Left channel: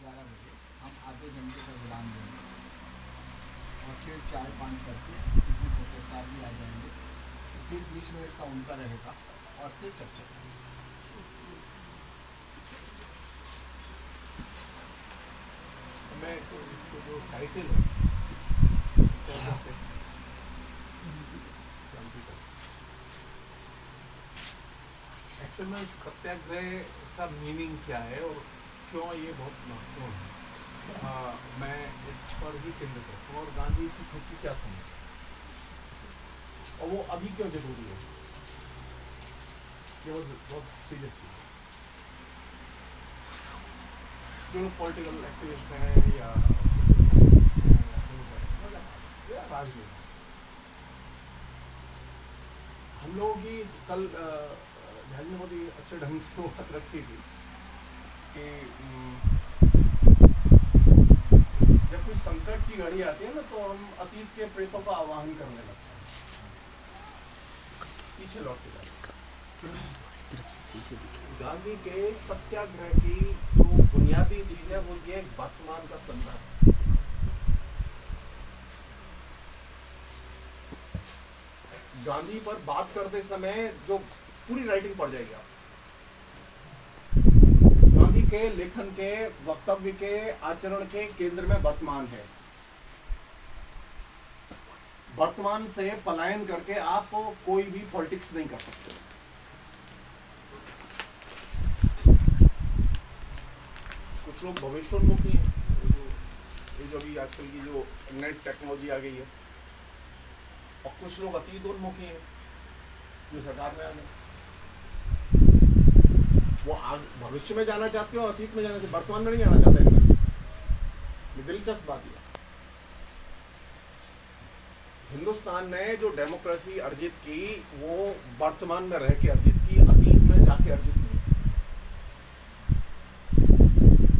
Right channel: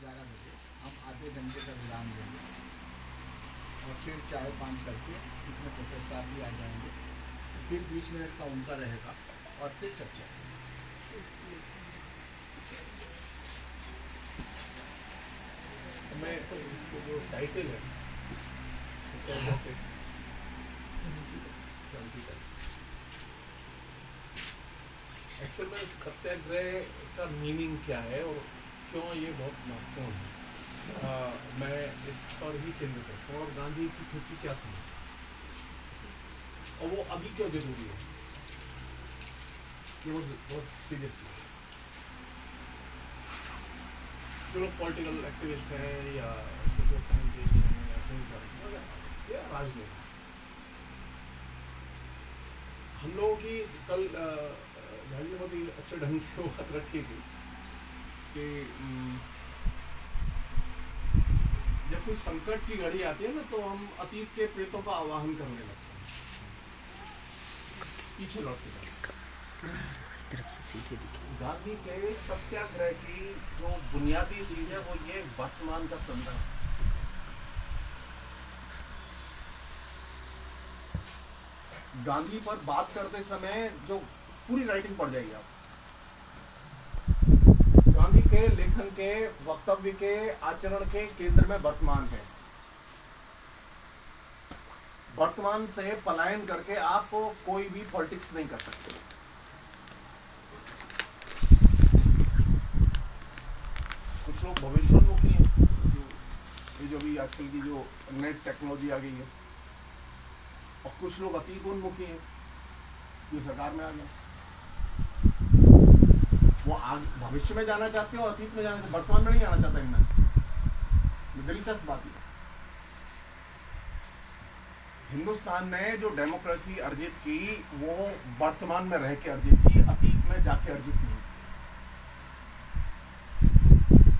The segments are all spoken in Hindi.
11 बजे हम आधे घंटे का विराम देंगे और फिर चाय पान करके इसमें प्रोफेसर साहब भी आ जाएंगे, फिर 20 मिनट का उनका रहेगा और फिर चर्चा। मैं इसको जो टाइटल है एक्चुअल में सत्याग्रह का मीनिंग क्या है और क्यों ये बहुत महत्वपूर्ण है, मैं इस पर ही केंद्रित करता हूँ। और गांधी की खुद की क्या समझ और वो अभी क्यों जरूरी है, ये बहुत सीरियस चीज है। जो लोग पॉलिटिकल एक्टिविस्ट हैं या सोशल साइंटिस्ट हैं या राजनीति, हम लोगों की कल ध्यान में बहुत ही अच्छे ढंग से वो बात रखी थी कि जब कोई संकट की घड़ी आती है ना तो हम अतीत के प्रेतों का आवाहन करने लगते हैं, पीछे लौटते हैं। गांधी के सत्याग्रह की जो बुनियादी चीज है वो ये वर्तमान का संदर्भ। गांधी पर बात करते समय जो पूरी राइटिंग पढ़ जाएगी आप, गांधी के लेखन के वक्तव्य के आचरण के केंद्र में वर्तमान है। वर्तमान से पलायन करके आप कोई भी पॉलिटिक्स नहीं कर सकते। कुछ लोग भविष्योन्मुखी हैं, ये जो भी आजकल की जो नेट टेक्नोलॉजी आ गई है, और कुछ लोग अतीतोन्मुखी हैं जो सरकार में आ गए। वो भविष्य में जाना चाहते हो, अतीत में जाना चाहते, वर्तमान में नहीं आना चाहता इतना। दिलचस्प बात है, हिंदुस्तान ने जो डेमोक्रेसी अर्जित की वो वर्तमान में रह के अर्जित की, अतीत में जाके अर्जित नहीं।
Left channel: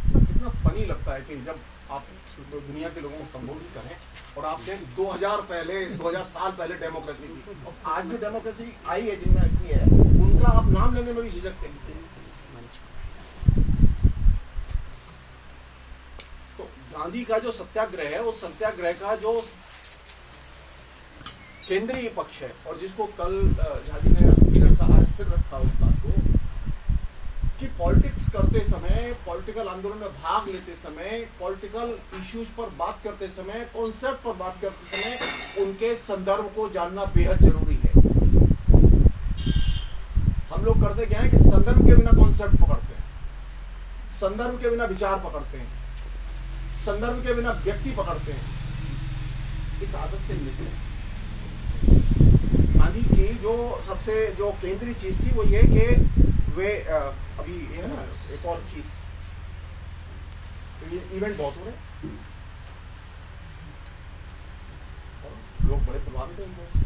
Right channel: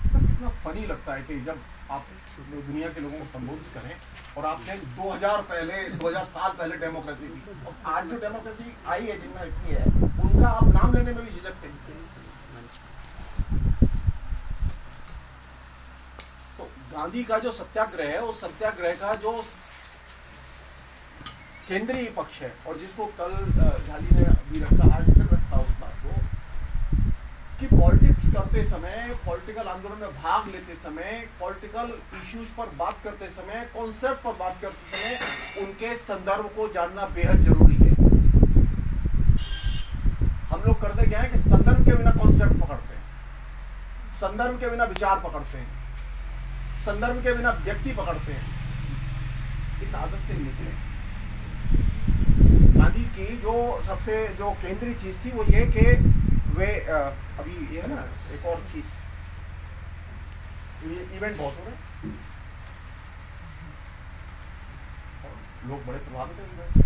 तो कितना फनी लगता है कि जब आप दुनिया के लोगों को संबोधित करें और आपने 2000 साल पहले डेमोक्रेसी की, और आज जो डेमोक्रेसी आई है जिनमें रखी है उनका आप नाम लेने में भी झिझकते हैं। तो गांधी का जो सत्याग्रह है उस सत्याग्रह का जो केंद्रीय पक्ष है, और जिसको कल झाजी ने रखा, आज फिर रखा उस बात को कि पॉलिटिक्स करते समय, पॉलिटिकल आंदोलन में भाग लेते समय, पॉलिटिकल इश्यूज पर बात करते समय, कॉन्सेप्ट पर बात करते समय उनके संदर्भ को जानना बेहद जरूरी है। हम लोग करते क्या है कि संदर्भ के बिना कॉन्सेप्ट पकड़ते हैं, संदर्भ के बिना विचार पकड़ते हैं, संदर्भ के बिना व्यक्ति पकड़ते हैं। इस आदत से निकले। गांधी की जो सबसे जो केंद्रीय चीज थी वो ये कि वे अभी ये है ना एक और चीज, इवेंट बहुत हो रहे हैं, लोग बड़े प्रभावित हैं इवेंट से।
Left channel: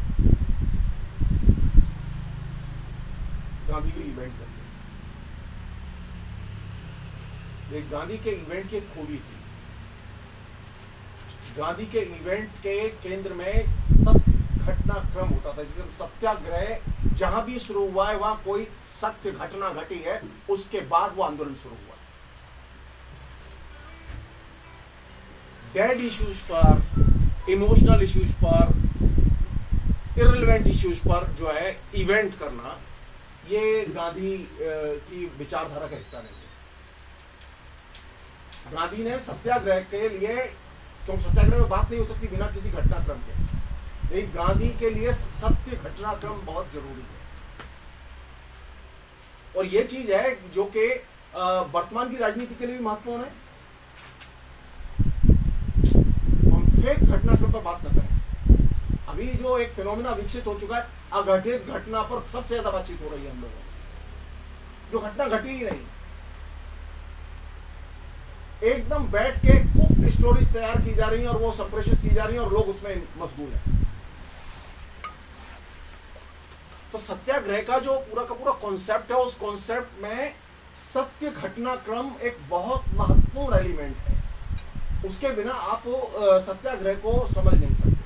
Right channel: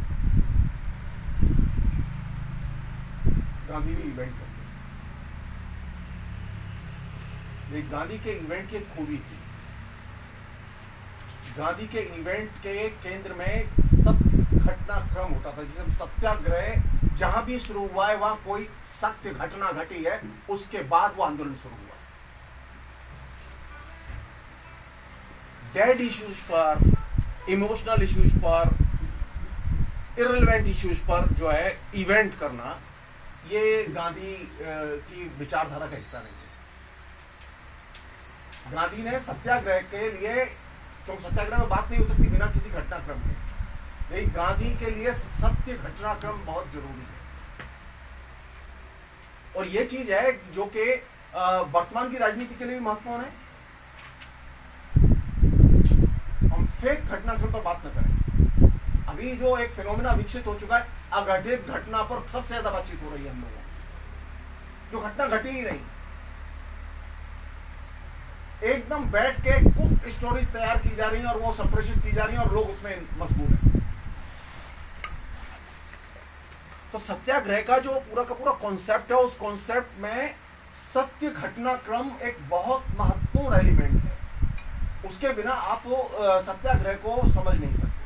गांधी भी इवेंट करते हैं। गांधी के इवेंट की एक खूबी थी, गांधी के इवेंट के केंद्र में सत्य घटनाक्रम होता था। जैसे सत्याग्रह जहां भी शुरू हुआ है वहां कोई सत्य घटना घटी है, उसके बाद वो आंदोलन शुरू हुआ। डेड इश्यूज पर, इमोशनल इश्यूज पर, इररिलेवेंट इश्यूज पर जो है इवेंट करना, ये गांधी की विचारधारा का हिस्सा नहीं है। गांधी ने सत्याग्रह के लिए, क्योंकि सत्याग्रह में बात नहीं हो सकती बिना किसी घटनाक्रम के, लेकिन गांधी के लिए सत्य घटनाक्रम बहुत जरूरी है। और ये चीज है जो कि वर्तमान की राजनीति के लिए भी महत्वपूर्ण है। हम फेक घटनाक्रम पर बात न करें। अभी जो एक फिनोमेना विकसित हो चुका है, अघटित घटना पर सबसे ज्यादा बातचीत हो रही है हम लोगों को, जो घटना घटी ही नहीं। एकदम बैठ के कुक स्टोरीज तैयार की जा रही हैं और वो संप्रेषित की जा रही हैं और लोग उसमें मशगूल हैं। तो सत्याग्रह का जो पूरा का पूरा कॉन्सेप्ट है, उस कॉन्सेप्ट में सत्य घटनाक्रम एक बहुत महत्वपूर्ण एलिमेंट है। उसके बिना आप सत्याग्रह को समझ नहीं सकते।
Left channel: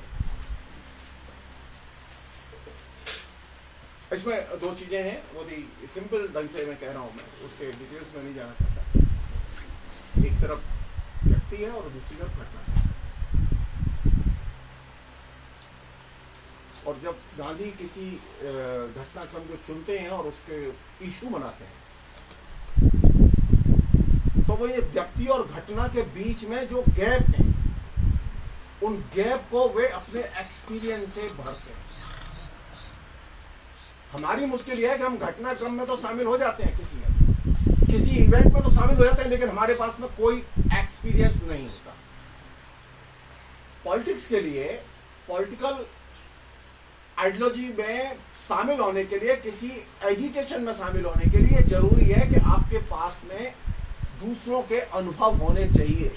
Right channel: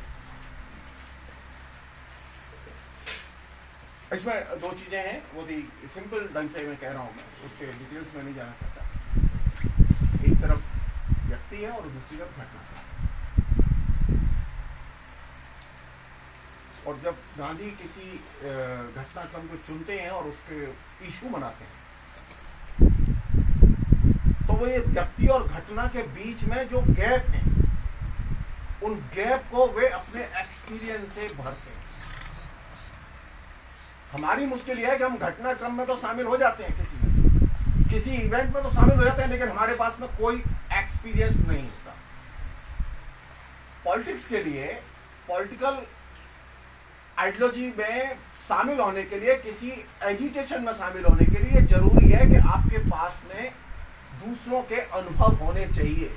इसमें दो चीजें हैं, वो भी सिंपल ढंग से मैं कह रहा हूं, मैं उसके डिटेल्स में नहीं जाना चाहता। एक तरफ है और दूसरी तरफ घटना। और जब गांधी किसी घटनाक्रम को चुनते हैं और उसके इशू बनाते हैं, तो वो ये व्यक्ति और घटना के बीच में जो गैप है, उन गैप को वे अपने एक्सपीरियंस से भरते हैं। हमारी मुश्किल यह है कि हम घटनाक्रम में तो शामिल हो जाते हैं, किसी इवेंट में तो शामिल हो जाते हैं, लेकिन हमारे पास में कोई एक्सपीरियंस नहीं होता। पॉलिटिक्स के लिए, पॉलिटिकल आइडियोलॉजी में शामिल होने के लिए, किसी एजिटेशन में शामिल होने के लिए जरूरी है कि आपके पास में दूसरों के अनुभव होने चाहिए।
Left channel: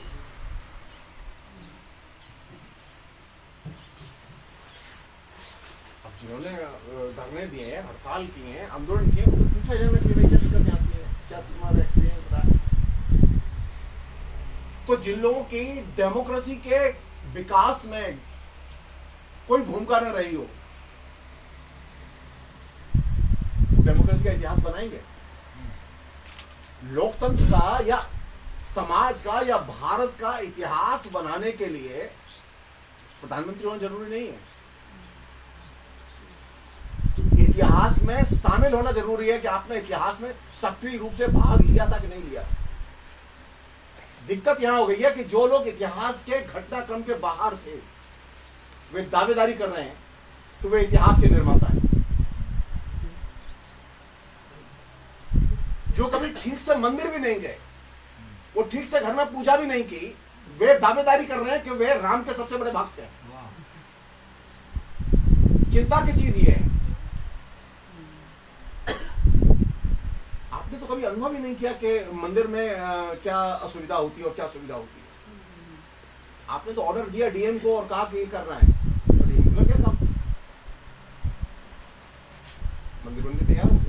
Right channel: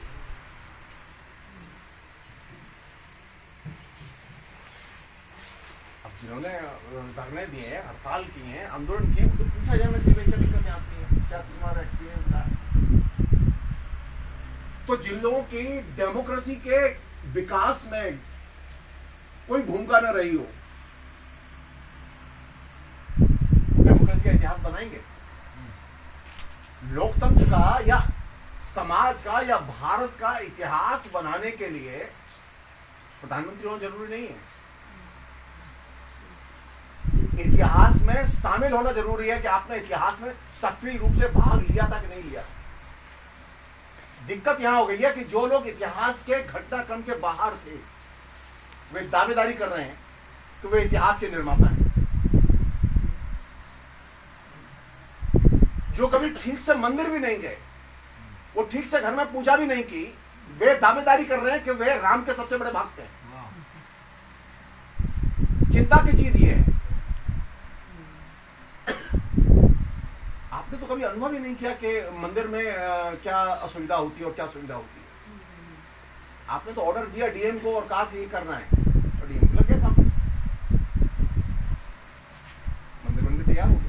अब जिन्होंने धरने दिए हैं, हड़ताल किए हैं, आंदोलन किए, उनको पूछा जाए कि क्या दिक्कतें आती हैं, क्या तुम्हारा एक्सपीरियंस रहा है। तो जिन लोगों की डेमोक्रेसी के विकास में कोई भूमिका न रही हो, डेमोक्रेसी का इतिहास बनाएंगे? लोकतंत्र का या समाज का या भारत का इतिहास बनाने के लिए प्रधानमंत्री होना जरूरी नहीं है। इतिहास में शामिल होना जरूरी है कि आपने इतिहास में सक्रिय रूप से भाग लिया था कि नहीं लिया। दिक्कत यहां हो गई है कि जो लोग इतिहास के घटनाक्रम के बाहर थे, वे दावेदारी कर रहे हैं कि वे इतिहास के निर्माता हैं। जो कभी ठीक से मंदिर भी नहीं गए, वो ठीक से घर में पूजा भी नहीं की, वे दावेदारी कर रहे हैं कि वे राम के सबसे बड़े भक्त हैं। चिंता की चीज ये है, आपने तो कभी अनुभव ही नहीं किया कि मंदिर में क्या असुविधा होती है और क्या सुविधा होती है। आपने तो ऑर्डर दिया डीएम को और कहा कि ये करना है, तो डीएम लग गया काम, मंदिर बनने तैयार हो गया।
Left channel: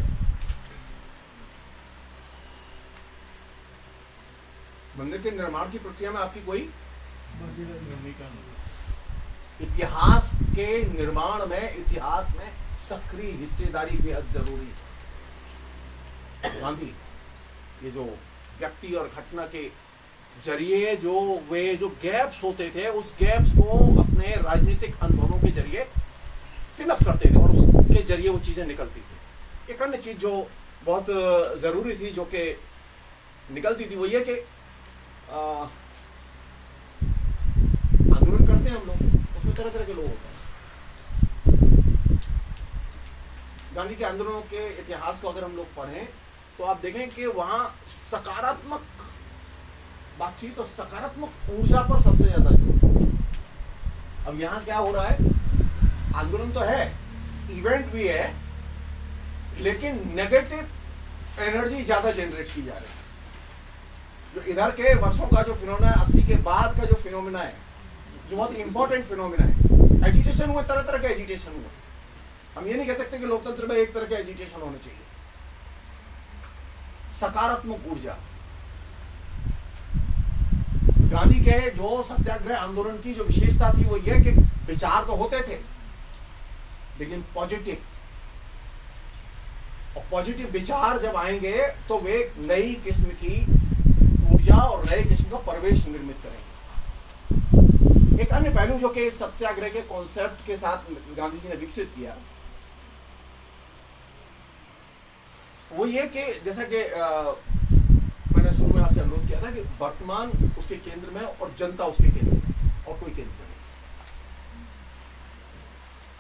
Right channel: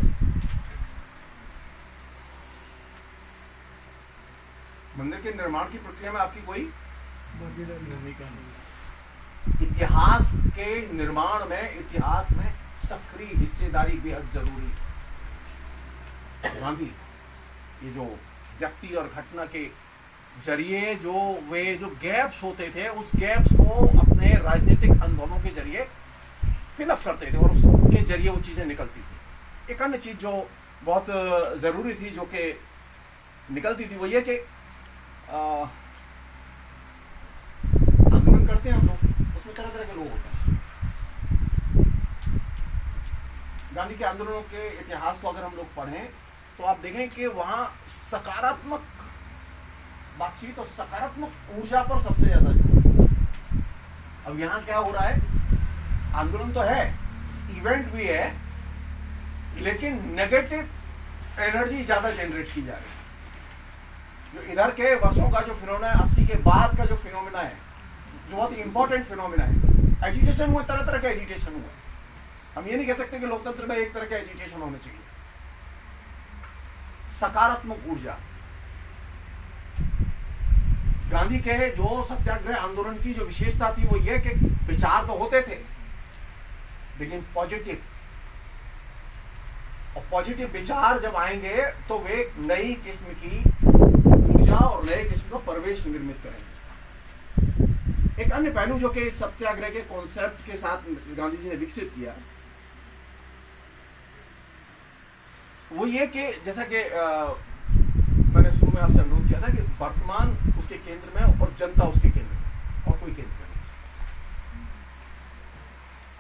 मंदिर के निर्माण की प्रक्रिया में आपकी कोई भूमिका नहीं। इतिहास के निर्माण में, इतिहास में सक्रिय हिस्सेदारी बेहद जरूरी है। गांधी ये जो व्यक्ति और घटना के जरिए जो गैप्स होते थे, उस गैप्स को अपने राजनीतिक अनुभवों के जरिए फिलअप करते थे और उसके जरिए वो चीजें निकलती थी। एक अन्य चीज जो बहुत जरूरी थी, जो कि निकलती थी, वो ये कि आंदोलन करते हैं हम लोग, उसमें तरह तरह के लोग होते हैं। गांधी के आंदोलनों के इतिहास को अगर हम लोग पढ़ें तो आप देखें कि वहां सकारात्मक बातचीत और सकारात्मक ऊर्जा पर सबसे ज्यादा जोर। अब यहां क्या हो रहा है, आंदोलन तो है, इवेंट भी है, लेकिन नेगेटिव एनर्जी ज्यादा जनरेट की जा रही है। जो इधर के वर्षों का जो फिनोमेना है, 80 के बाद का जो फिनोमेना है, जो बहुत इंपॉर्टेंट फिनोमेना है, एजिटेशन हुए, तरह तरह के एजिटेशन हुए। हम ये नहीं कह सकते कि लोकतंत्र में एक तरह के एजिटेशन होने चाहिए। सकारात्मक ऊर्जा, गांधी के जो सत्याग्रह आंदोलन की जो विशेषता थी वो ये कि विचार तो होते थे लेकिन पॉजिटिव, और पॉजिटिव विचार जब आएंगे तो वे एक नई किस्म की ऊर्जा और नए किस्म का परिवेश निर्मित करेंगे। एक अन्य पहलू जो कि सत्याग्रह के कॉन्सेप्ट के साथ गांधी जी ने विकसित किया वो ये कि जैसा कि मैंने शुरू में आपसे अनुरोध किया था कि वर्तमान उसके केंद्र में और जनता उसके केंद्र में, और कोई केंद्र में नहीं।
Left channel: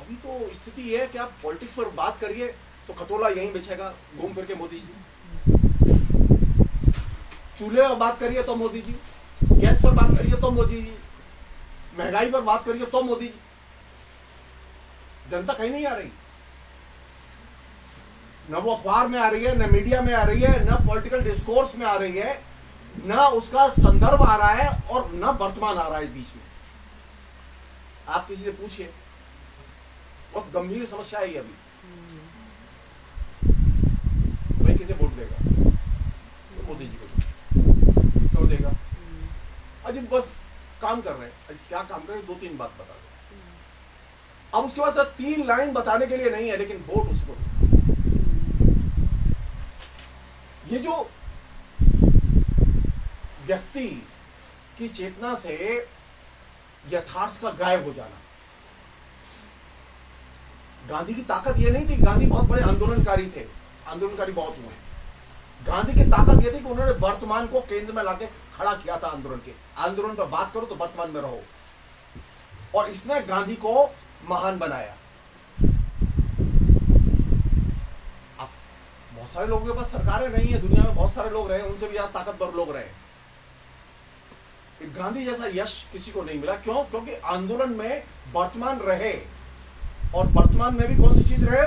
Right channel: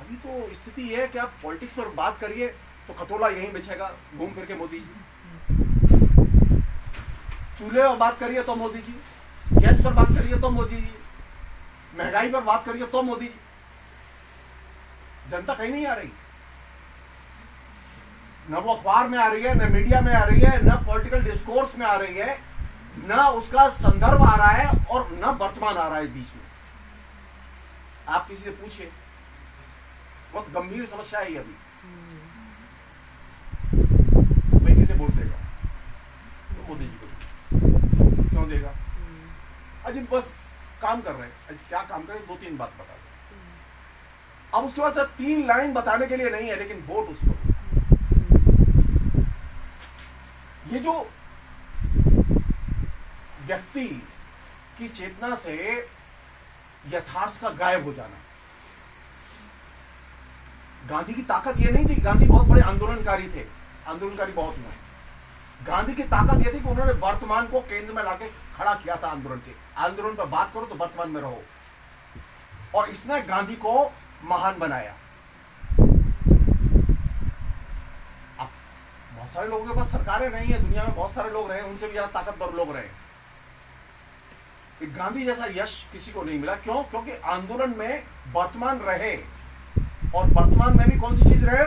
अभी तो स्थिति यह है कि आप पॉलिटिक्स पर बात करिए तो खटोला यहीं बिछेगा घूम फिर के मोदी जी, चूल्हे पर बात करिए तो मोदी जी, गैस पर बात करिए तो मोदी जी, महंगाई पर बात करिए तो मोदी जी। जनता कहीं नहीं आ रही, न वो अखबार में आ रही है, न मीडिया में आ रही है, न पॉलिटिकल डिस्कोर्स में आ रही है, न उसका संदर्भ आ रहा है और न वर्तमान आ रहा है बीच में। आप किसी से पूछिए, बहुत गंभीर समस्या है अभी। भाई किसे वोट देगा? तो मोदी जी को। क्यों देगा? अजीब बस काम कर रहे हैं। क्या काम कर रहे हैं? 2-3 बात बता दो। अब उसके बाद 3 लाइन बताने के लिए नहीं है, लेकिन वोट उसको। ये जो व्यक्ति की चेतना से यथार्थ का गायब हो जाना। गांधी की ताकत यह नहीं थी, गांधी बहुत बड़े आंदोलनकारी थे, आंदोलनकारी बहुत हुए। गांधी की ताकत यह थी कि उन्होंने वर्तमान को केंद्र में लाके खड़ा किया था आंदोलन के। आंदोलन पर बात करो तो वर्तमान में रहो, और इसने गांधी को महान बनाया। अब बहुत सारे लोगों के पास सरकारें नहीं है, दुनिया में बहुत सारे लोग रहे, उनसे भी ज्यादा ताकतवर लोग रहे, गांधी जैसा यश किसी को नहीं मिला। क्यों? क्योंकि आंदोलन में वर्तमान रहे, और वर्तमान में भी कौन सी चीज रहे,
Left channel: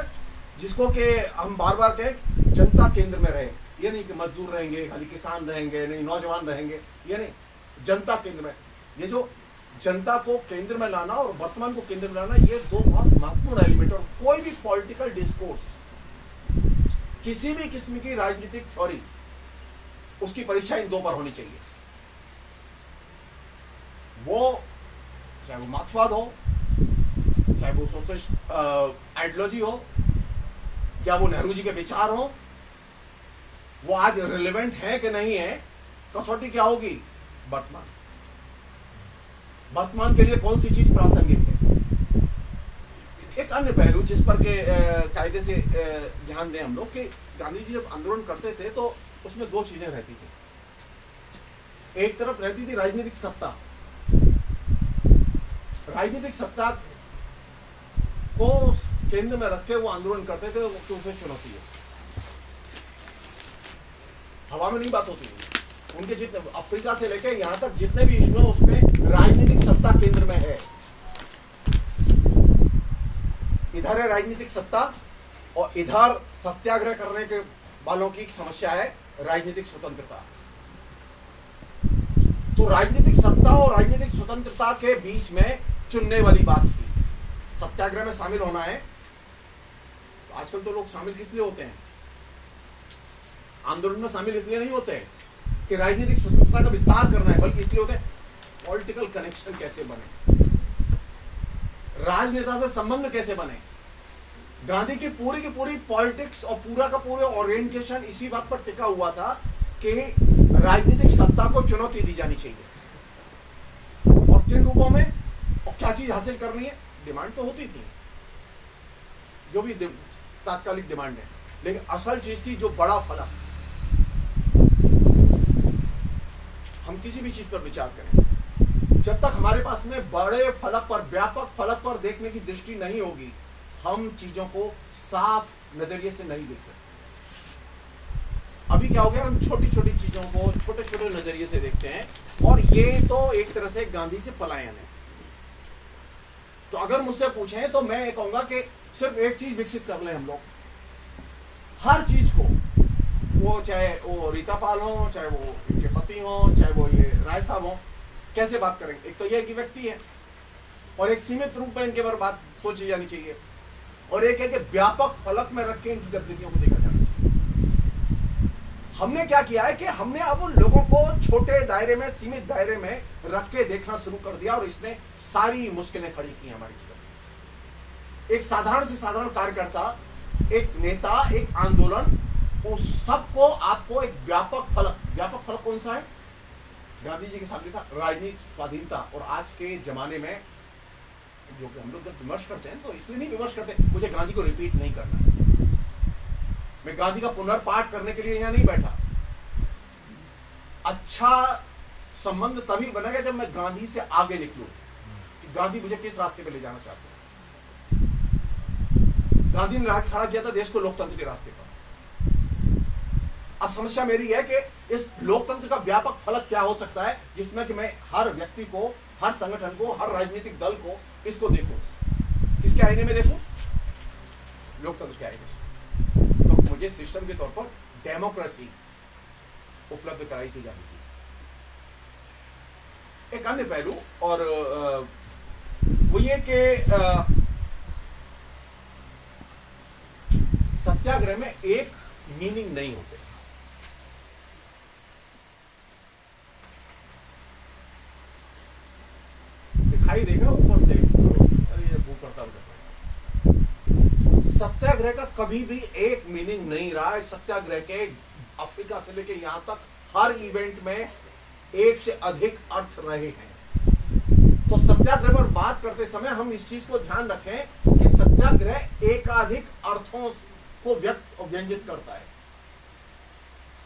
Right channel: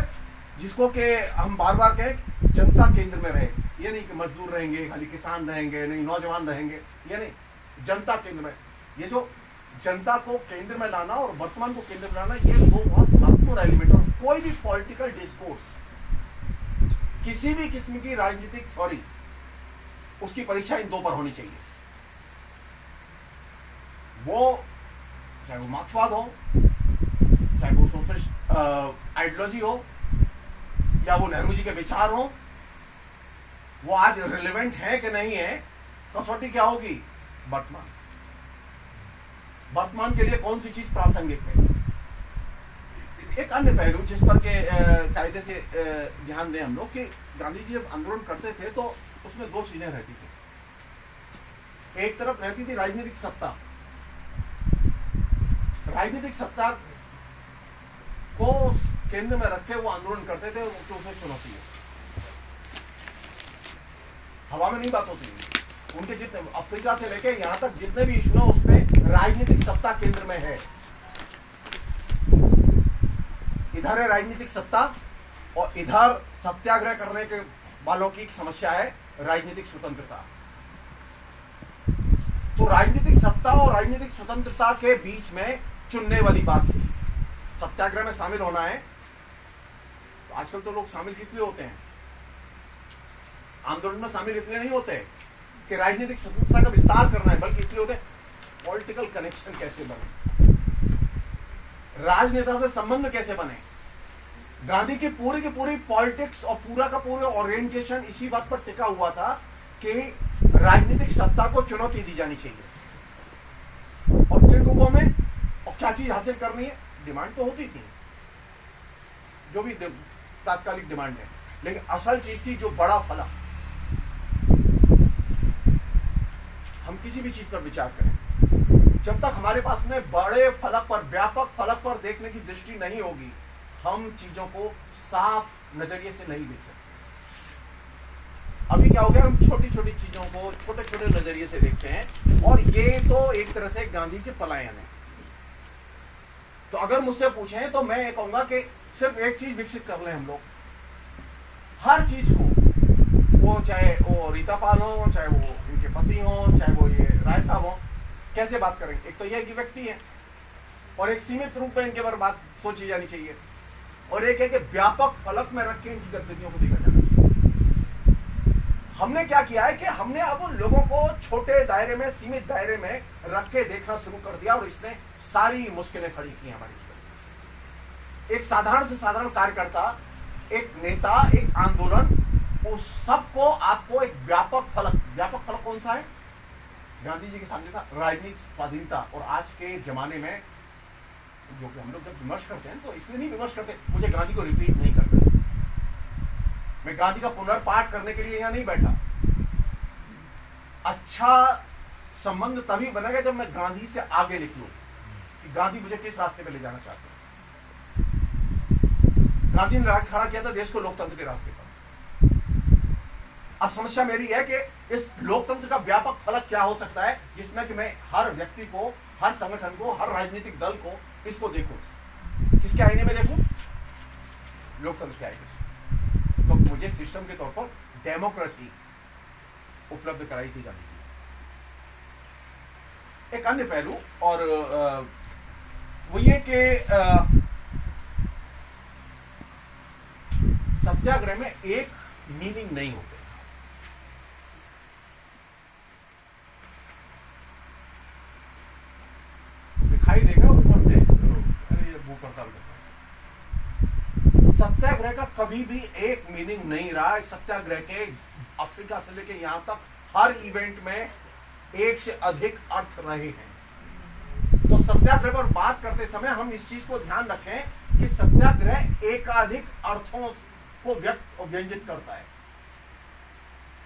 जिसको कि हम बार बार कहें जनता केंद्र में रहे। ये नहीं कि मजदूर रहेंगे, खाली किसान रहेंगे, नहीं नौजवान रहेंगे, ये नहीं, जनता केंद्र में। ये जो जनता को केंद्र में लाना और वर्तमान को केंद्र में लाना, ये दो बहुत महत्वपूर्ण एलिमेंट। और कोई भी पॉलिटिकल डिस्कोर्स, किसी भी किस्म की राजनीतिक थ्योरी, उसकी परीक्षा इन दो पर होनी चाहिए। वो चाहे वो मार्क्सवाद हो, चाहे वो सोशलिस्ट आइडियोलॉजी हो, या वो नेहरू जी के विचार हो, वो आज रिलेवेंट है कि नहीं है, कसौटी क्या होगी? वर्तमान। वर्तमान के लिए कौन सी चीज प्रासंगिक है। एक अन्य पहलू जिस पर के कायदे से ध्यान दें हम लोग, कि गांधी जी जब आंदोलन करते थे तो उसमें दो चीजें रहती थी। एक तरफ रहती थी राजनीतिक सत्ता, राजनीतिक सत्ता को केंद्र में रख के वो आंदोलन करते थे कि उसे चुनौती है। हवा में नहीं बात होती। उनके जितने अफ्रीका से लेके यहां तक जितने भी इशू हैं, उसमें राजनीतिक सत्ता केंद्र में है। इधर है राजनीतिक सत्ता, और इधर सत्याग्रह करने के वालों की एक समस्या है राजनीतिक स्वतंत्रता। तो राजनीतिक सत्ता और राजनीतिक स्वतंत्रता के बीच में चुनने वाली बात थी। सत्याग्रह में शामिल होना है, तो आजकल तो लोग शामिल किस लिए होते हैं? आंदोलन में शामिल इसलिए नहीं होते कि राजनीतिक स्वतंत्रता का विस्तार करना है, बल्कि इसलिए होते हैं पॉलिटिकल कनेक्शन कैसे बने, राजनेता से संबंध कैसे बने। गांधी की पूरी पॉलिटिक्स और पूरा का पूरा ओरिएंटेशन इसी बात पर टिका हुआ था कि राजनीतिक सत्ता को चुनौती दी जानी चाहिए, और किन रूपों में, और क्या चीज हासिल करनी है। डिमांड तो होती थी, जो भी तात्कालिक डिमांड है, लेकिन असल चीज थी जो बड़ा फलक। हम किसी भी चीज पर विचार करें, जब तक हमारे पास में बड़े फलक पर, व्यापक फलक पर देखने की दृष्टि नहीं होगी, हम चीजों को साफ नजरिए से नहीं देख सकते। अभी क्या हो गया, हम छोटी छोटी चीजों को छोटे छोटे नजरिए से देखते हैं, और ये तो एक तरह से गांधी से पलायन है। तो अगर मुझसे पूछें तो मैं ये कहूंगा कि सिर्फ एक चीज विकसित कर लें हम लोग, हर चीज को, वो चाहे वो रीता पाल हो, चाहे वो इनके पति हो, चाहे वो ये राय साहब हो, कैसे बात करेंगे। एक तो ये कि व्यक्ति है, और एक सीमित रूप में इनके बारे बात सोची जानी चाहिए, और एक है कि व्यापक फलक में रख के इनकी गतिविधियों को देखा जाना चाहिए। हमने क्या किया है कि हमने अब उन लोगों को छोटे दायरे में, सीमित दायरे में रख के देखना शुरू कर दिया, और इसने सारी मुश्किलें खड़ी की हमारी जीवन। एक साधारण से साधारण कार्यकर्ता, एक नेता, एक आंदोलन, उस सबको आपको एक व्यापक फलक कौन सा है? गांधी जी के साथ था राजनीतिक स्वाधीनता। और आज के जमाने में जो कि हम लोग जब विमर्श करते हैं तो इसलिए नहीं विमर्श करते, मुझे गांधी को रिपीट नहीं करना, मैं गांधी का पुनर्पाठ करने के लिए यहां नहीं बैठा। अच्छा संबंध तभी बनेगा जब मैं गांधी से आगे निकलूं कि गांधी मुझे किस रास्ते पे ले जाना चाहते हैं। गांधी ने खड़ा किया था देश को लोकतंत्र के रास्ते पर। अब समस्या मेरी है कि इस लोकतंत्र का व्यापक फलक क्या हो सकता है, जिसमें कि मैं हर व्यक्ति को, हर संगठन को, हर राजनीतिक दल को, इसको देखूं। किसके आईने में देखूं? लोकतंत्र के आईने में। तो मुझे सिस्टम के तौर पर डेमोक्रेसी उपलब्ध कराई थी गांधी जी। एक अन्य पहलू और वो ये कि सत्याग्रह में एक मीनिंग नहीं होते। दिखाई देगा ऊपर से, अरे ये भूख हड़ताल कर रहा है। सत्याग्रह का कभी भी एक मीनिंग नहीं रहा है। सत्याग्रह के अफ्रीका से लेकर यहां तक हर इवेंट में एक से अधिक अर्थ रहे हैं। तो सत्याग्रह पर बात करते समय हम इस चीज को ध्यान रखें कि सत्याग्रह एकाधिक अर्थों को व्यक्त और व्यंजित करता है।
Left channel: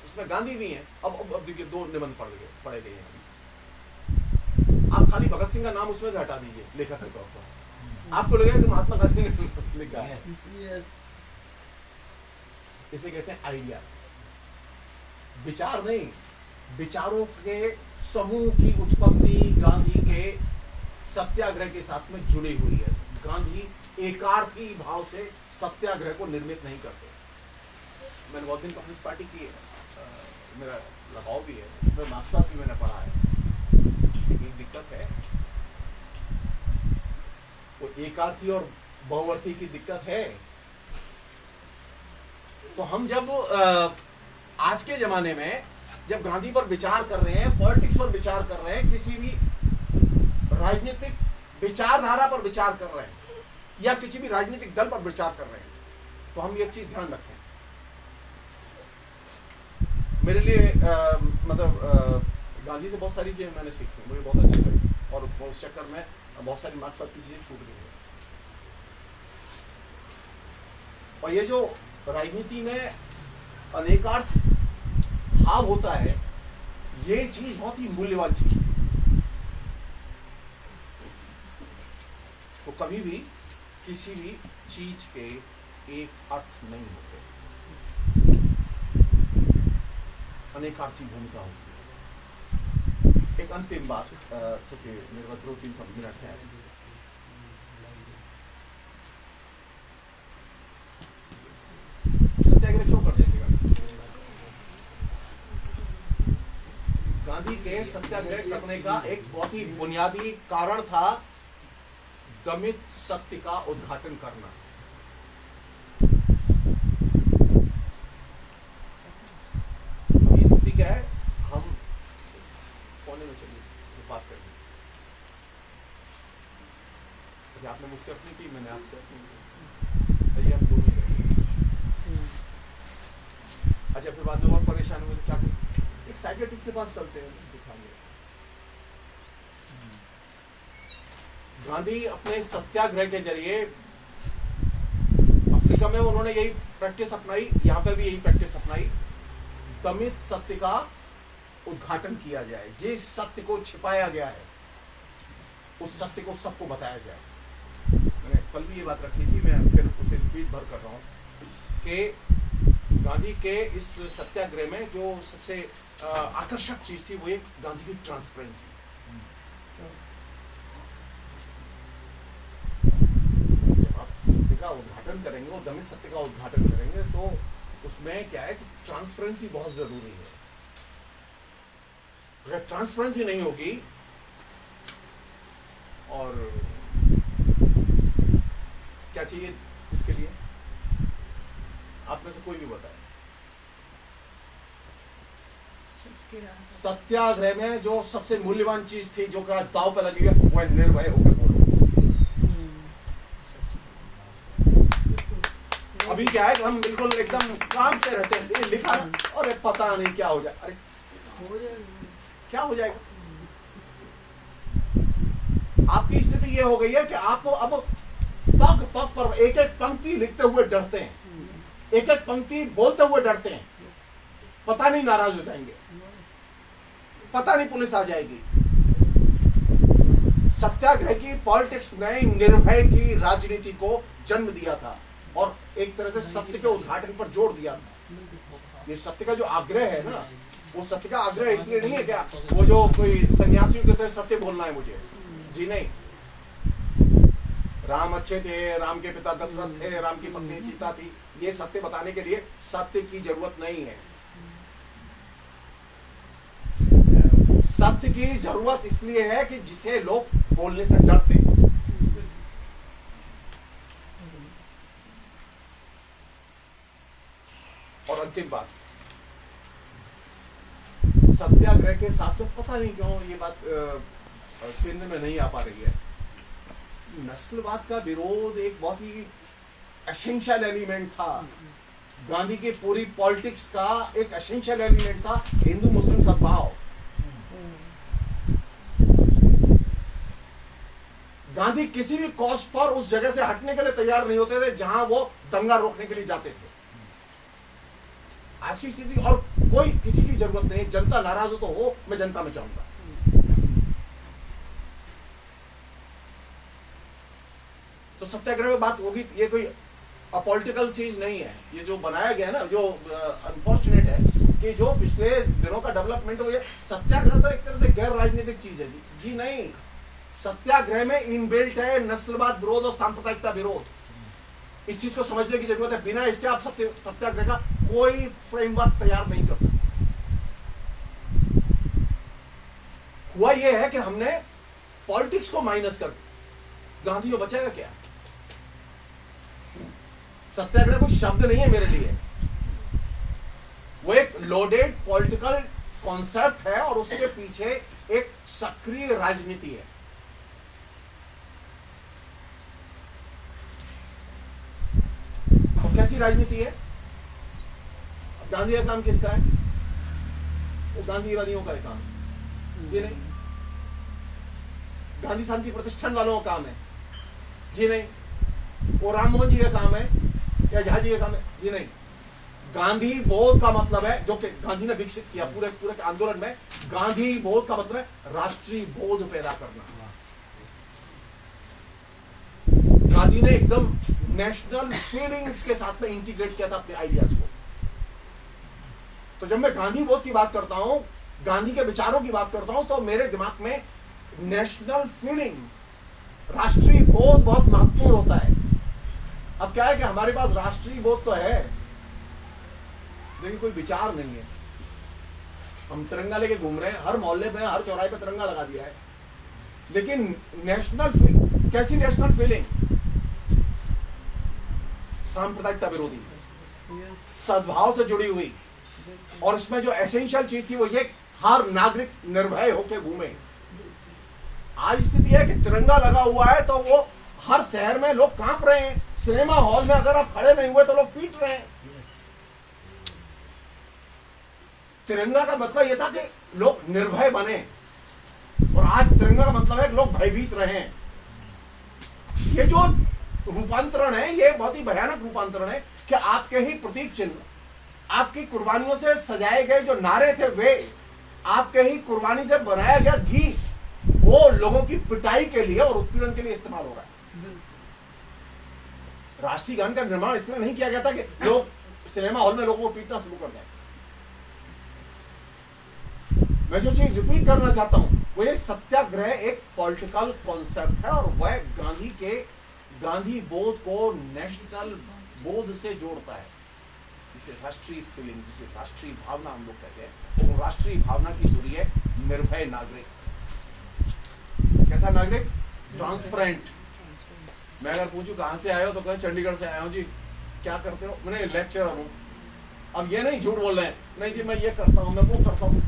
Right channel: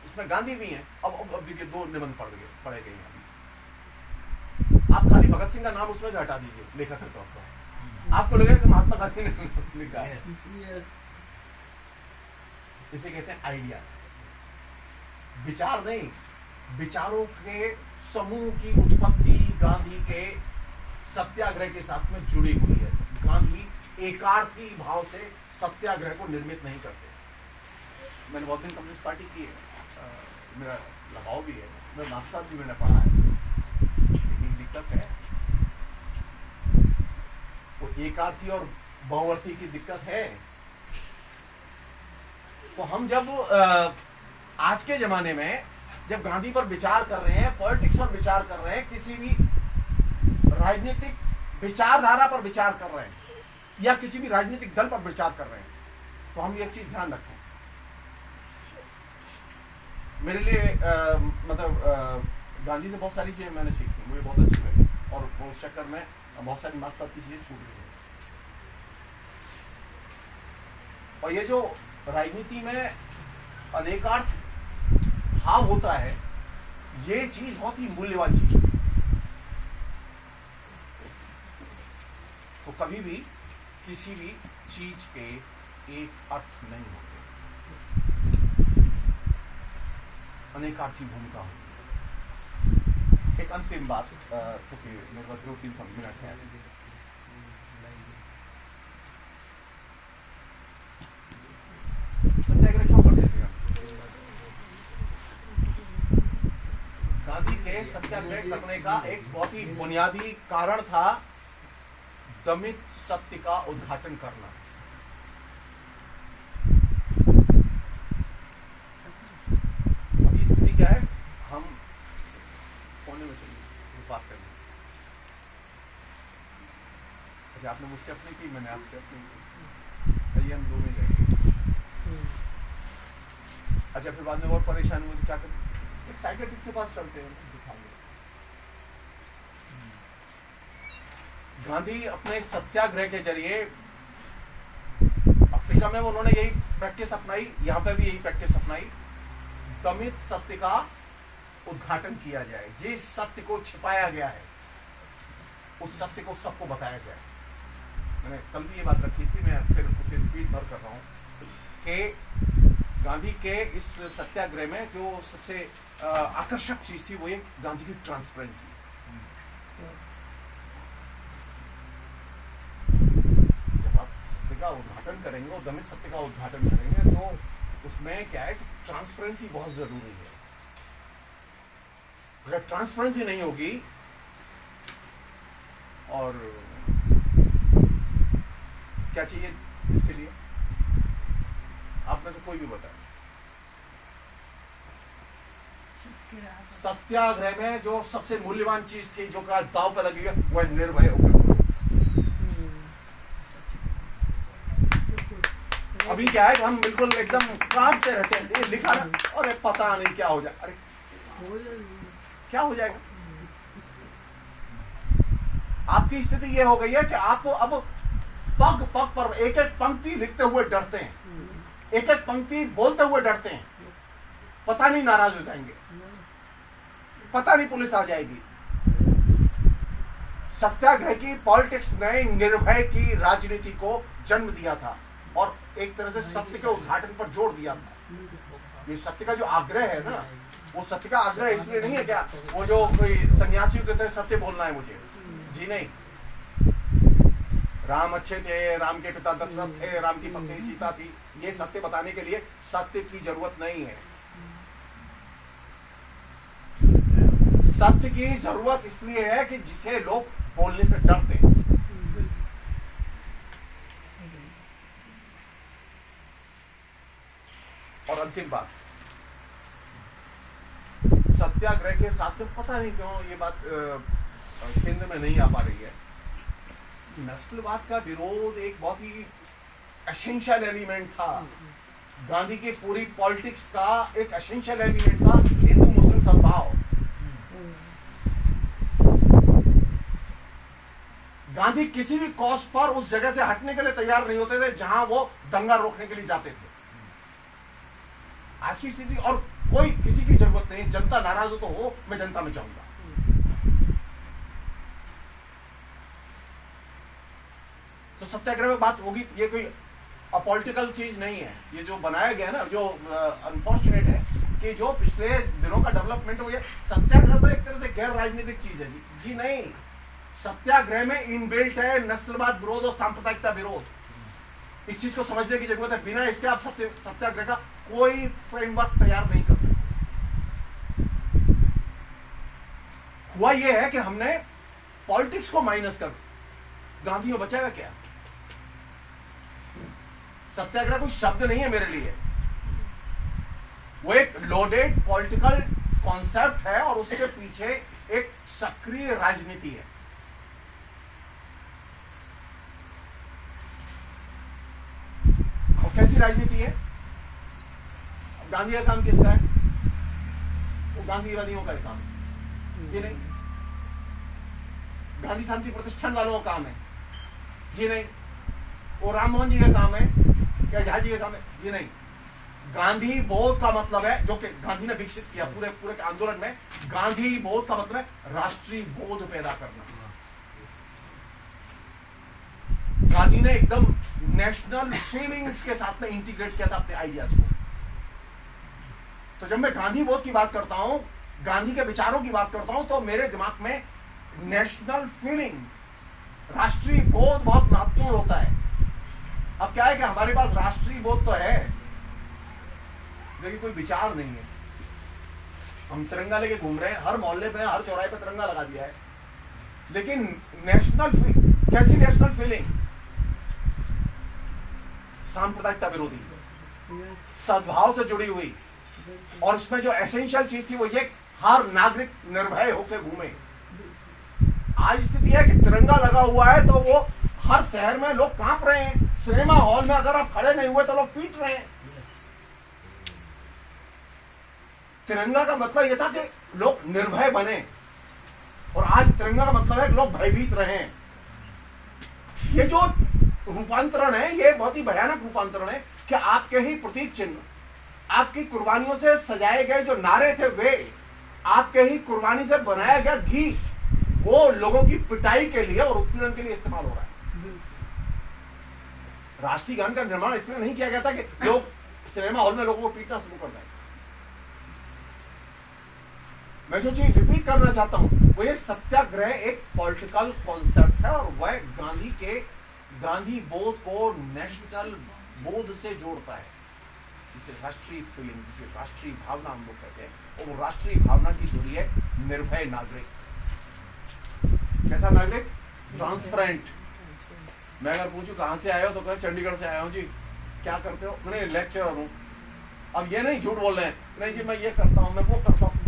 उसमें गांधी भी हैं। अब देखिए, दो निबंध पढ़े गए हैं। आप खाली भगत सिंह का नाम उसमें से हटा दीजिए लेखक के तौर पर, आपको लगेगा कि महात्मा गांधी ने लिखा है। इसे कहते हैं आइडिया, विचार नहीं, विचारों के समूह की उत्पत्ति गांधी के सत्याग्रह के साथ में जुड़ी हुई है। गांधी एकार्थी भाव से सत्याग्रह को निर्मित नहीं करते। मैंने बहुत दिन कम्युनिस्ट पार्टी की मेरा लगाव भी है, मैं मार्क्सवाद भी मैंने पढ़ा है, लेकिन दिक्कत है वो एकार्थी और बहुअर्थी की दिक्कत है। तो हम जब आज के जमाने में जब गांधी पर विचार कर रहे हैं, पॉलिटिक्स पर विचार कर रहे हैं, किसी भी राजनीतिक विचारधारा पर विचार कर रहे हैं या किसी भी राजनीतिक दल पर विचार कर रहे हैं, तो हम एक चीज ध्यान रखें। मेरे लिए गांधी से बहुत सारी चीजें मैंने सीखी, मुझे बहुत अच्छी लगी, और उस चक्कर में बहुत सारी मार्क्सवाद की चीजें छूट गई हैं। और ये जो राजनीति में अनेकार्थ भाव होता है, ये चीज बहुत ही मूल्यवान चीज है। तो कभी भी किसी भी चीज के एक अर्थ नहीं होते, अनेकार्थी भूमिका होती है। एक अंतिम बात, चूंकि मेरे पास 2-3 मिनट है, सत्याग्रह क्यों कर जाएगा? गांधी के सत्याग्रह करने का एक बहुत ही बुनियादी कारण था दमित सत्य का उद्घाटन करना। अभी स्थिति क्या है? हम कोने में चलिए, बात करेंगे। आपने मुझसे अपनी की, मैंने आपसे अपनी की, ये हम दो ही रहेंगे। अच्छा, फिर बाद में और परेशान हुए तो क्या करें? एक साइकियाट्रिस्ट के पास चलते हैं, दिखाएंगे। गांधी अपने सत्याग्रह के जरिए, अफ्रीका में उन्होंने यही प्रैक्टिस अपनाई, यहां पर भी यही प्रैक्टिस अपनाई, दमित सत्य का उद्घाटन किया जाए। जिस सत्य को छिपाया गया है उस सत्य को सबको बताया जाए। मैंने कल भी ये बात रखी थी, मैं फिर उसे रिपीट भर कर रहा हूं कि गांधी के इस सत्याग्रह में जो सबसे आकर्षक चीज थी वो ये गांधी की ट्रांसपेरेंसी। जब आप सत्य का उद्घाटन करेंगे, वो दमित सत्य का उद्घाटन करेंगे, तो उसमें क्या है कि ट्रांसपेरेंसी बहुत जरूरी है। अगर ट्रांसपेरेंसी नहीं होगी, और क्या चाहिए इसके लिए? आप में से कोई भी बताए। सत्याग्रह में जो सबसे मूल्यवान चीज थी, जो आज दांव पे लगी है, वह निर्भय होकर बोलो। अभी क्या है कि हम बिल्कुल एकदम कांपते रहते हैं, ये लिखा है और पता नहीं क्या हो जाए। अरे क्या हो जाएगा? आपकी स्थिति ये हो गई है कि आपको अब पग पग पर एक एक पंक्ति लिखते हुए डरते हैं, एक एक पंक्ति बोलते हुए डरते हैं। पता नहीं नाराज हो जाएंगे, पता नहीं पुलिस आ जाएगी। सत्याग्रह की पॉलिटिक्स ने निर्भय की राजनीति को जन्म दिया था और एक तरह से सत्य के उद्घाटन पर जोर दिया था। ये सत्य का जो आग्रह है ना, वो सत्य का आग्रह इसलिए नहीं है क्या वो जो कोई सन्यासियों की तरह सत्य बोलना है मुझे, जी नहीं। राम अच्छे थे, राम के पिता दशरथ थे, राम की पत्नी सीता थी, ये सत्य बताने के लिए सत्य की जरूरत नहीं है। सत्य की जरूरत इसलिए है कि जिसे लोग बोलने से डरते हैं। और अंतिम बात, सत्याग्रह के साथ में पता नहीं क्यों ये बात केंद्र में नहीं आ पा रही है। नस्लवाद का विरोध एक बहुत ही एसेंशियल एलिमेंट था। गांधी की पूरी पॉलिटिक्स का एक एसेंशियल एलिमेंट था हिंदू मुस्लिम सद्भाव। गांधी किसी भी कॉस्ट पर उस जगह से हटने के लिए तैयार नहीं होते थे जहां वो दंगा रोकने के लिए जाते थे। आज की स्थिति और कोई किसी की जरूरत नहीं, जनता नाराज हो, मैं जनता में जाऊंगा। तो सत्याग्रह में बात होगी, ये कोई अपॉलिटिकल चीज नहीं है। ये जो बनाया गया ना, जो अनफॉर्चुनेट है कि जो पिछले दिनों का डेवलपमेंट हो, ये सत्याग्रह तो एक तरह से गैर राजनीतिक चीज है जी नहीं। सत्याग्रह में इनबिल्ट है नस्लवाद विरोध और सांप्रदायिकता विरोध। इस चीज को समझने की जरूरत है। बिना इसके आप सत्याग्रह का कोई फ्रेमवर्क तैयार नहीं कर सकते। हुआ यह है कि हमने पॉलिटिक्स को माइनस कर, गांधी को बचाएगा क्या? सत्याग्रह कोई शब्द नहीं है मेरे लिए, वो एक लोडेड पॉलिटिकल कॉन्सेप्ट है और उसके पीछे एक सक्रिय राजनीति है। और कैसी राजनीति है? गांधी का काम किसका है? वो गांधीवादियों का ही काम है जी नहीं। गांधी शांति प्रतिष्ठान वालों का काम है जी नहीं। वो राम मोहन जी का काम है या झा जी का काम है जी नहीं। गांधी बोध का मतलब है, जो कि गांधी ने विकसित किया पूरे आंदोलन में, गांधी बोध का मतलब है राष्ट्रीय बोध पैदा करना। गांधी ने एकदम नेशनल फीलिंग्स के साथ में इंटीग्रेट किया था अपने आइडियाज को। तो जब मैं गांधी बोध की बात करता हूं, गांधी के विचारों की बात करता हूं, तो मेरे दिमाग में नेशनल फीलिंग, राष्ट्रीय बोध बहुत महत्वपूर्ण होता है। अब क्या है कि हमारे पास राष्ट्रीय बोध तो है लेकिन कोई विचार नहीं है। हम तिरंगा लेके घूम रहे हैं, हर मोहल्ले पे, हर चौराहे पे तिरंगा लगा दिया है, लेकिन नेशनल फीलिंग, कैसी नेशनल फीलिंग? सांप्रदायिकता विरोधी, सद्भाव से जुड़ी हुई। और इसमें जो एसेंशियल चीज थी वो ये, हर नागरिक निर्भय होकर घूमे। आज स्थिति है कि तिरंगा लगा हुआ है तो वो हर शहर में लोग कांप रहे हैं। सिनेमा हॉल में अगर आप खड़े नहीं हुए तो लोग पीट रहे हैं। तिरंगा का मतलब यह था कि लोग निर्भय बने, और आज तिरंगा का मतलब है कि लोग भयभीत रहे। ये जो रूपांतरण है, ये बहुत ही भयानक रूपांतरण है कि आपके ही प्रतीक चिन्ह, आपकी कुर्बानियों से सजाए गए जो नारे थे, वे आपके ही कुर्बानी से बनाया गया घी, वो लोगों की पिटाई के लिए और उत्पीड़न के लिए इस्तेमाल हो रहा है। राष्ट्रीय गान का निर्माण इसलिए नहीं किया गया था कि लोग सिनेमा हॉल में लोगों को पीटना शुरू कर दें। मैं जो चीज रिपीट करना चाहता हूं वो ये, सत्याग्रह एक पॉलिटिकल कॉन्सेप्ट है और वह गांधी बोध को नेशनल बोध से जोड़ता है, जिसे राष्ट्रीय फीलिंग, जिसे राष्ट्रीय भावना हम लोग कहते हैं। वो राष्ट्रीय भावना की दूरी है निर्भय नागरिक। कैसा नागरिक? ट्रांसपेरेंट। मैं अगर पूछूं कहां से आए हो तो कहें चंडीगढ़ से आया हूं जी। क्या करते हो? मैंने लेक्चरर हूं। अब ये नहीं झूठ बोल रहे हैं, नहीं जी मैं ये करता हूं, मैं वो करता हूं।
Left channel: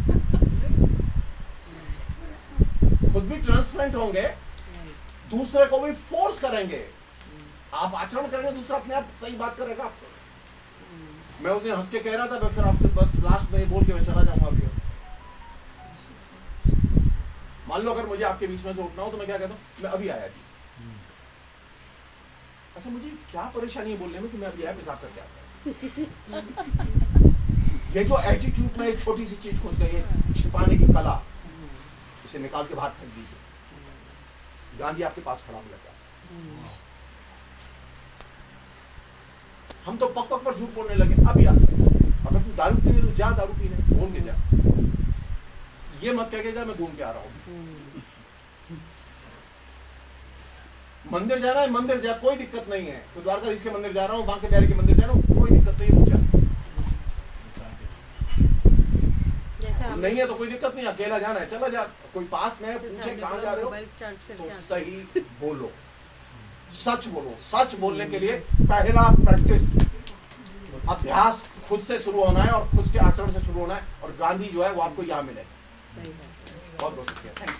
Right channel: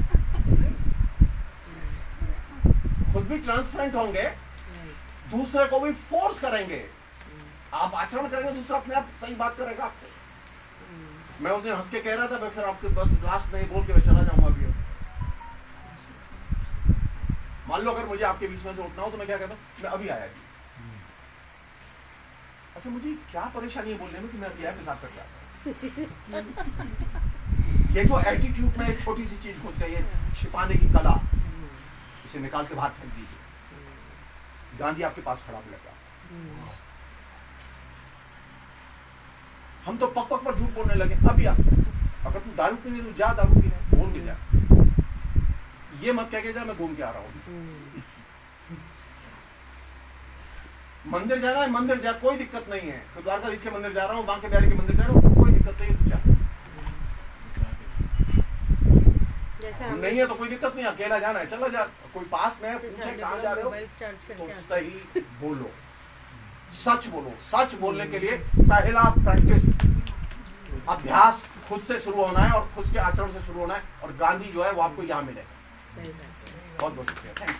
खुद भी ट्रांसपेरेंट होंगे, दूसरे को भी फोर्स करेंगे। आप आचरण करेंगे, दूसरा अपने आप सही बात करेगा आपसे। मैं उस दिन हंस के कह रहा था, मैं फिर आपसे बस लास्ट में बोल के मैं चला जाऊंगा अभी। मान लो अगर मुझे आपके बीच में से उठना हो तो मैं क्या कहता हूं? मैं अभी आया जी। अच्छा, मुझे क्या परेशानी है बोलने में कि मैं अभी आया, पेशाब करके आता हूं। ये जो एटीट्यूड में एक छोटी सी चीज घुस गई है, छिपाने की कला, इसे निकाल के बाहर फेंक दीजिए। गांधी आपके पास खड़ा मिलेगा। हम तो पक पक पर झूठ बोलने लगे। अभी अगर तू दारू पीने तो जा, दारू पीने बोल के जा। ये मत कह के जा मैं घूम के आ रहा हूं। मंदिर जाना है, मंदिर जा, कोई दिक्कत नहीं है। तो द्वारकाधीश के मंदिर जा रहा हूं, बांके बिहारी के मंदिर जा रहा हूं, कोई दिक्कत नहीं है, नहीं है तो कोई दिक्कत नहीं, अकेला जाना है चला जा। कोई पास में पूछे कहां जा रहे हो तो सही बोलो, सच बोलो। सच बोलने के लिए पहला प्रैक्टिस, अभ्यास खुद से शुरू होना है और खुद के आचरण से शुरू होना है। और गांधी जो है वो आपको यहां मिलेगा। बहुत बहुत शुक्रिया। Thank you.